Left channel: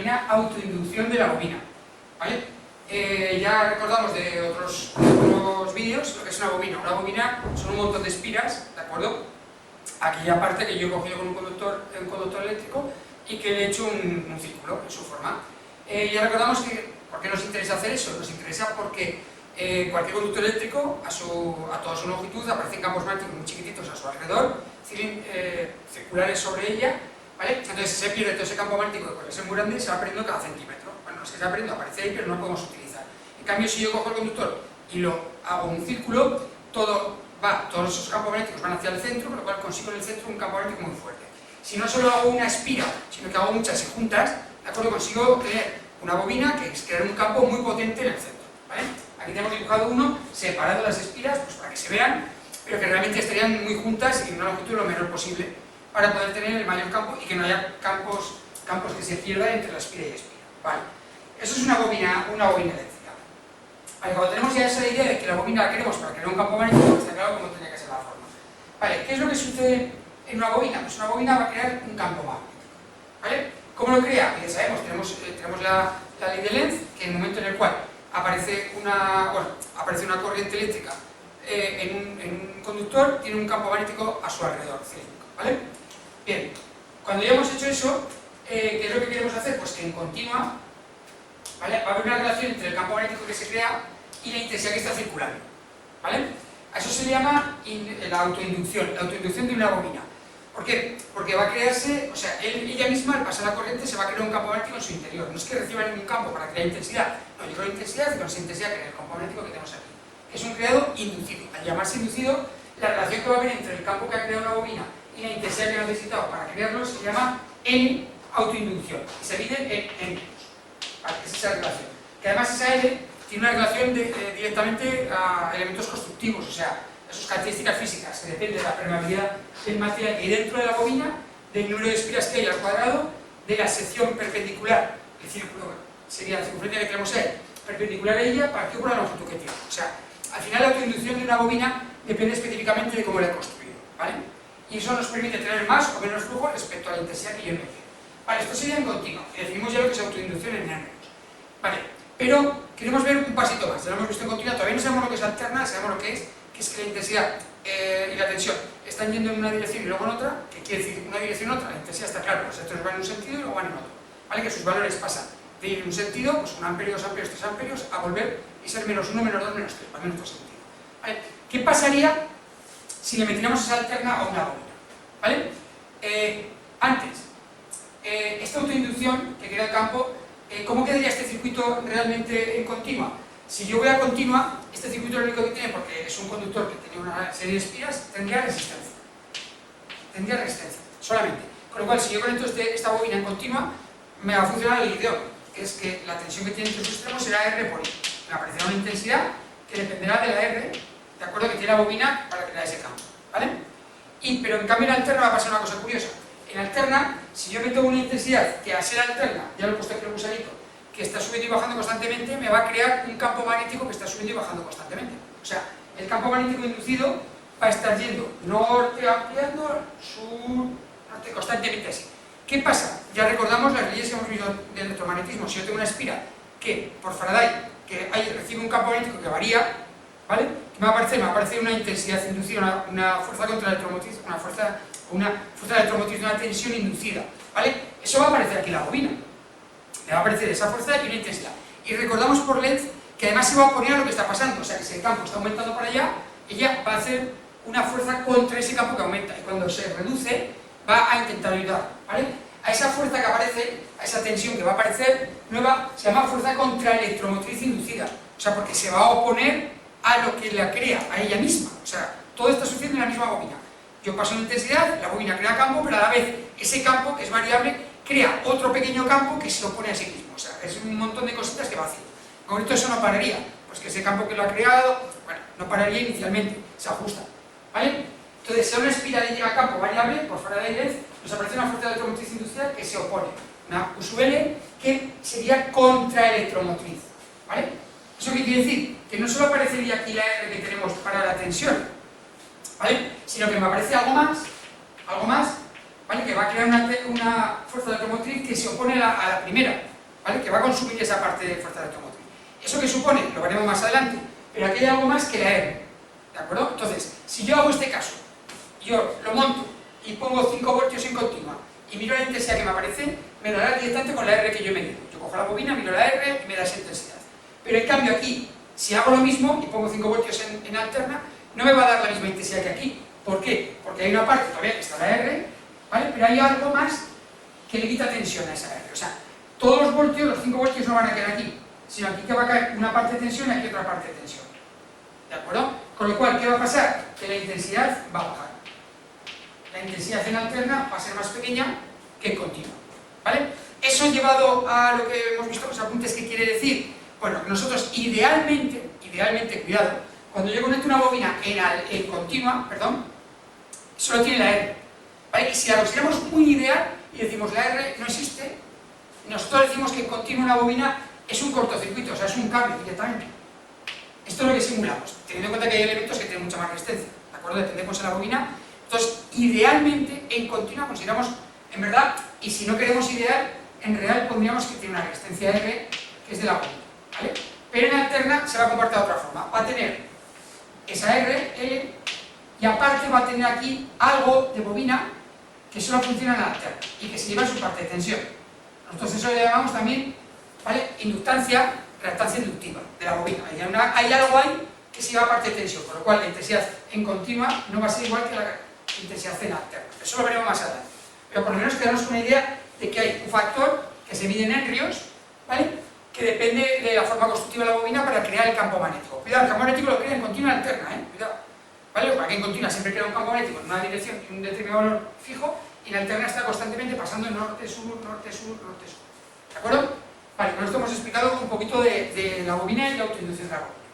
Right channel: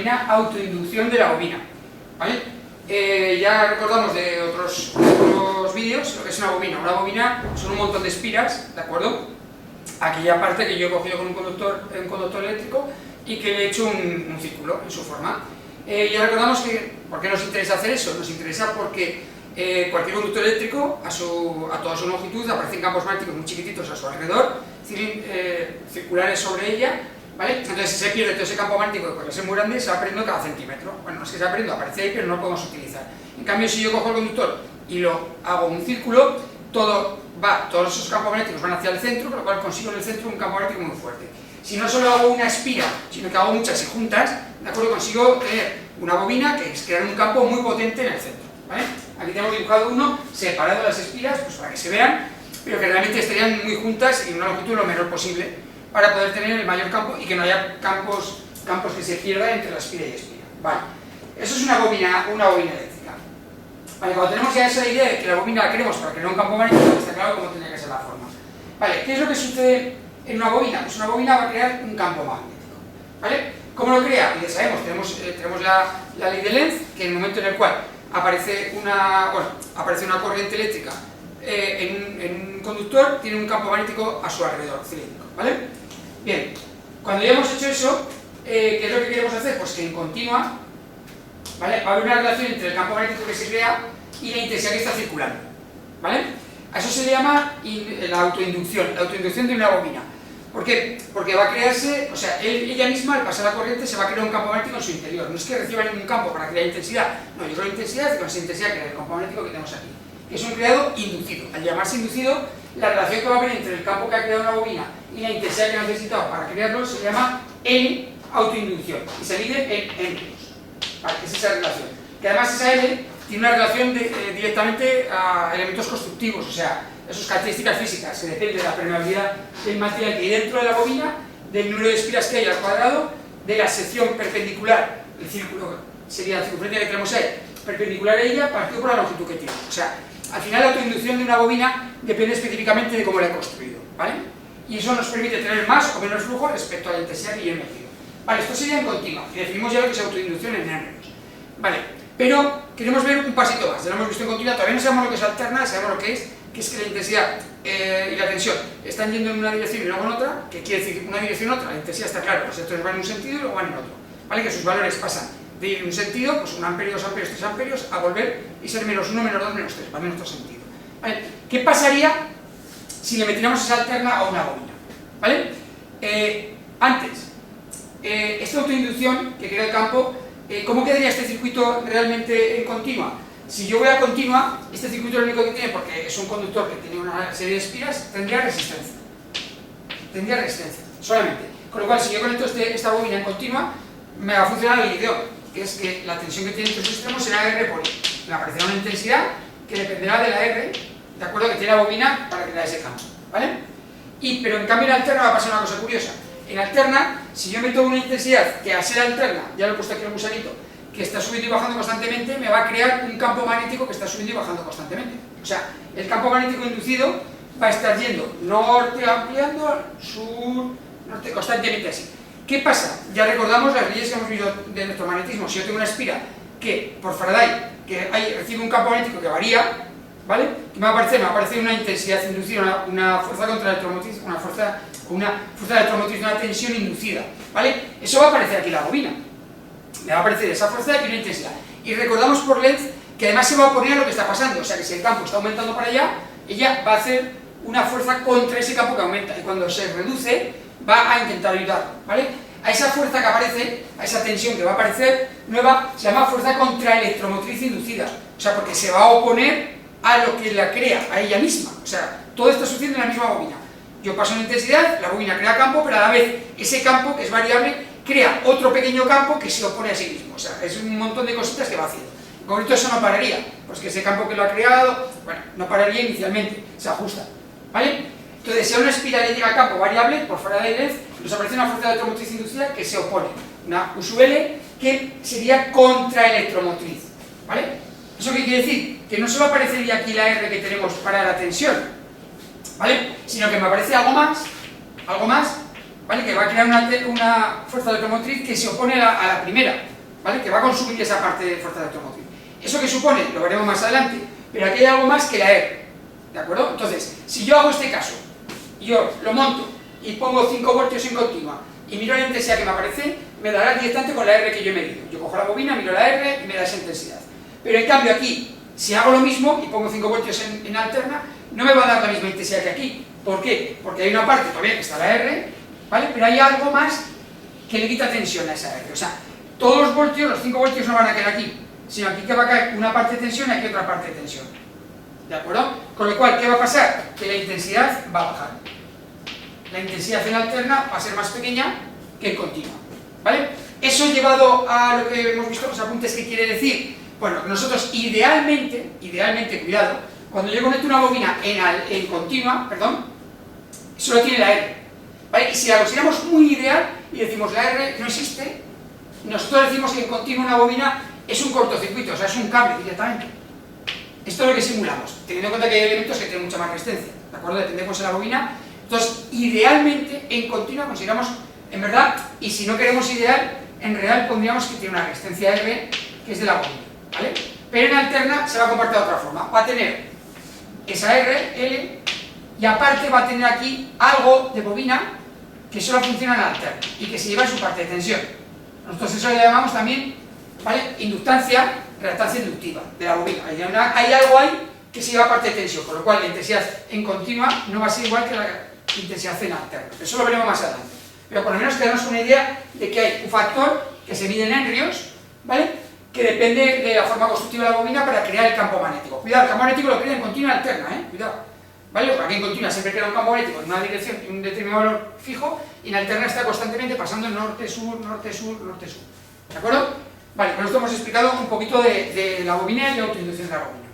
denomina autoinducción de la bobina, ¿vale? Ya recordamos de otros vídeos lo que es una bobina. Una bobina son un montón de espiras, ¿de acuerdo? Aquella parte que yo he cogido con un conductor eléctrico y que le he hecho un círculo en su forma. Ya recordamos que, ¿por qué nos interesa hacer eso? Nos interesa porque cualquier conductor eléctrico, a toda su longitud, aparecen campos magnéticos muy chiquititos a su alrededor, circulares sobre ella, ¿vale? Entonces, si se pierde todo ese campo magnético, que puede ser muy grande, se va perdiendo cada centímetro. Bueno, no es que se va perdiendo, aparece ahí, pero no lo podemos utilizar. En cambio, si yo cojo el conductor y lo hago un círculo, todos esos campos magnéticos van hacia el centro, con lo cual consigo en el centro un campo magnético muy fuerte. Si no solo hago una espira, sino que hago muchas y juntas, ¿de acuerdo? Consigo tener una bobina que es crear un campo muy potente en el centro, ¿vale? Aquí tenemos dibujado uno separado las espiras, pues para que se vean, pero que realmente estarían muy juntas y en una longitud lo menor posible para poder tener el mayor campo y que no haya campos que se pierdan entre la espira y espira. Vale, eso es una bobina eléctrica. Vale, cuando tenemos ya esa idea de que la bobina la queremos para crear un campo magnético, está claro cómo tendría que ser la forma. Vale, ¿qué es lo que sucede en una bobina? Pues una bobina va a crear un campo magnético, ¿vale? ¿Cómo lo crea? Pues ya sabemos, tenemos la ley de Lenz, que en el momento en el cual aparece una corriente eléctrica en un conductor, tiene un campo magnético a su alrededor, cilíndrico, ¿vale? Bien, cuando ya hemos hecho eso, ¿qué es lo que queremos hacer? Pues que en continua, ¿vale? Va a haber una relación entre el campo magnético que se crea y la intensidad que está circulando, ¿vale? A eso se le llama la autoinducción de una bobina. ¿Por qué? Porque va a crearse, o sea, ella misma al pasar la corriente se va a crear un campo magnético en su interior. No es que reciba ningún campo para crear intensidad, no, yo creo intensidad y con esa intensidad crea el campo magnético que tenemos aquí, que es un creado inducido. Al llamarse inducido, la relación que va a haber entre el campo que ha creado una bobina y la intensidad que ha necesitado para crearlo se llama L autoinducción y se mide en Henrius. Vale, es esa relación. Que además esa L tiene una relación directamente a elementos constructivos, o sea, a sus características físicas, que depende de la permeabilidad del material que hay dentro de la bobina, del número de espiras que hay al cuadrado, de la sección perpendicular, el círculo sería la circunferencia que tenemos ahí, perpendicular a ella, partido por la longitud que tiene. O sea, al final la autoinducción de una bobina depende específicamente de cómo la he construido, ¿vale? Y eso nos permite tener más o menos flujo respecto a la intensidad que yo he metido. Vale, esto sería en continua, y definimos ya lo que es autoinducción en Henrius. Vale, pero queremos ver un pasito más, ya lo hemos visto en continua, todavía no sabemos lo que es alterna, sabemos lo que es que la intensidad y la tensión están yendo en una dirección y luego en otra, que quiere decir una dirección y otra, la intensidad está claro, los electrones van en un sentido y luego van en otro, ¿vale? Que sus valores pasan de ir en un sentido, pues 1 amperio, 2 amperios, 3 amperios, a volver y ser menos 1, menos 2, menos 3, va en otro sentido, ¿vale? ¿Qué pasaría si le metiéramos esa alterna a una bobina? ¿Vale? Esta autoinducción que crea el campo, ¿cómo quedaría este circuito realmente en continua? Si yo voy a continua, este circuito lo único que tiene, porque es un conductor que tiene una serie de espiras, tendría resistencia. Tendría resistencia, solamente. Con lo cual, si yo conecto esta bobina en continua, me va a funcionar el ideón, que es que la tensión que tiene entre sus extremos será R por I. Me aparecerá una intensidad que dependerá de la R, de acuerdo, que tiene la bobina para crear ese campo, ¿vale? Pero en cambio en alterna va a pasar una cosa curiosa. En alterna, si yo meto una intensidad que a ser alterna, ya lo he puesto aquí en el gusanito, que está subiendo y bajando constantemente, me va a crear un campo magnético que está subiendo y bajando constantemente. O sea, el campo magnético inducido va a estar yendo norte, ampliando, sur, norte, constantemente así. ¿Qué pasa? Ya recordamos las leyes que hemos visto del electromagnetismo. Si yo tengo una espira que, por Faraday, recibe un campo magnético que varía, ¿vale? ¿Qué me va a aparecer? Me va a aparecer una intensidad inducida, una fuerza contra la electromotriz, una fuerza de electromotriz, una tensión inducida, ¿vale? Eso va a aparecer aquí en la bobina. Me va a aparecer esa fuerza y una intensidad. Y recordamos por Lenz que además se va a oponer a lo que está pasando, o sea que si el campo está aumentando para allá, ella va a hacer una fuerza contra ese campo que aumenta, y cuando se reduce va a intentar ayudar, ¿vale? A esa fuerza que aparece, a esa tensión que va a aparecer nueva, se llama fuerza contraelectromotriz inducida, o sea, porque se va a oponer a lo que la crea, a ella misma, o sea, todo está sucediendo en la misma bobina. Yo paso una intensidad, la bobina crea campo, pero a la vez ese campo, que es variable, crea otro pequeño campo que se opone a sí mismo, o sea, es un montón de cositas que va haciendo. En concreto eso no pararía, pues que ese campo que lo ha creado, bueno, no pararía inicialmente, se ajusta, ¿vale? Entonces, si a una espiral le llega a campo variable, por Faraday y Lenz, nos aparece una fuerza de electromotriz inducida que se opone, una USL que sería contraelectromotriz, ¿vale? ¿Eso qué quiere decir? Que no solo aparecería aquí la R que tenemos para la tensión, ¿vale? Sino que me aparece algo más, ¿vale? Que va a crear una fuerza de automotriz que se opone a la primera, ¿vale? Que va a consumir esa parte de fuerza de automotriz. ¿Eso qué supone? Lo veremos más adelante, pero aquí hay algo más que la R, ¿de acuerdo? Entonces, si yo hago este caso, yo lo monto y pongo 5 voltios en continua y miro la intensidad que me aparece, me dará directamente con la R que yo he medido. Yo cojo la bobina, miro la R y me da esa intensidad. Pero en cambio aquí, si hago lo mismo y pongo 5 voltios en alterna, no me va a dar la misma intensidad que aquí. ¿Por qué? Porque hay una parte todavía que está la R, ¿vale? Pero hay algo más que le quita tensión a esa R. O sea, todos los voltios, los 5 voltios no van a caer aquí, sino aquí que va a caer una parte de tensión y aquí otra parte de tensión. ¿De acuerdo? Con lo cual, ¿qué va a pasar? Que la intensidad va a bajar. La intensidad en alterna va a ser más pequeña que en continua, ¿vale? Eso llevado a lo que hemos visto, los apuntes, ¿qué quiere decir? Bueno, nosotros idealmente, cuidado, cuando yo conecto una bobina en continua, solo tiene la R, ¿vale? Y si la consideramos muy ideal y decimos la R no existe, nosotros decimos que en continua una bobina es un cortocircuito, o sea, es un cable directamente. Esto es lo que simulamos, teniendo en cuenta que hay elementos que tienen mucha más resistencia, ¿de acuerdo? Depende de cómo sea la bobina. Entonces, idealmente, en continua consideramos, en verdad, y si no queremos ideal, en real pondríamos que tiene una resistencia R, que es de la bobina, ¿vale? Pero en alterna se va a comportar de otra forma, va a tener esa R, L, y aparte va a tener aquí algo de bobina que solo funciona en alterna, y que se lleva su parte de tensión. Nosotros eso le llamamos también, ¿vale? Inductancia, reactancia inductiva de la bobina. Hay algo ahí que se lleva parte de tensión, con lo cual la intensidad en continua no va a ser igual que la intensidad en alterna. Eso lo veremos más adelante. Pero por lo menos quedarnos una idea de que hay un factor que se mide en henrios, ¿vale? Que depende de la forma constructiva de la bobina para crear el campo magnético. Cuidado, el campo magnético lo crea en continua y alterna, cuidado. ¿Vale? Porque aquí en continua siempre crea un campo magnético en una dirección y un determinado valor fijo, y en alterna está constantemente pasando norte-sur, norte-sur, norte-sur. ¿De acuerdo? Vale, con esto hemos explicado un poquito de la bobina y la autoinducción de la bobina.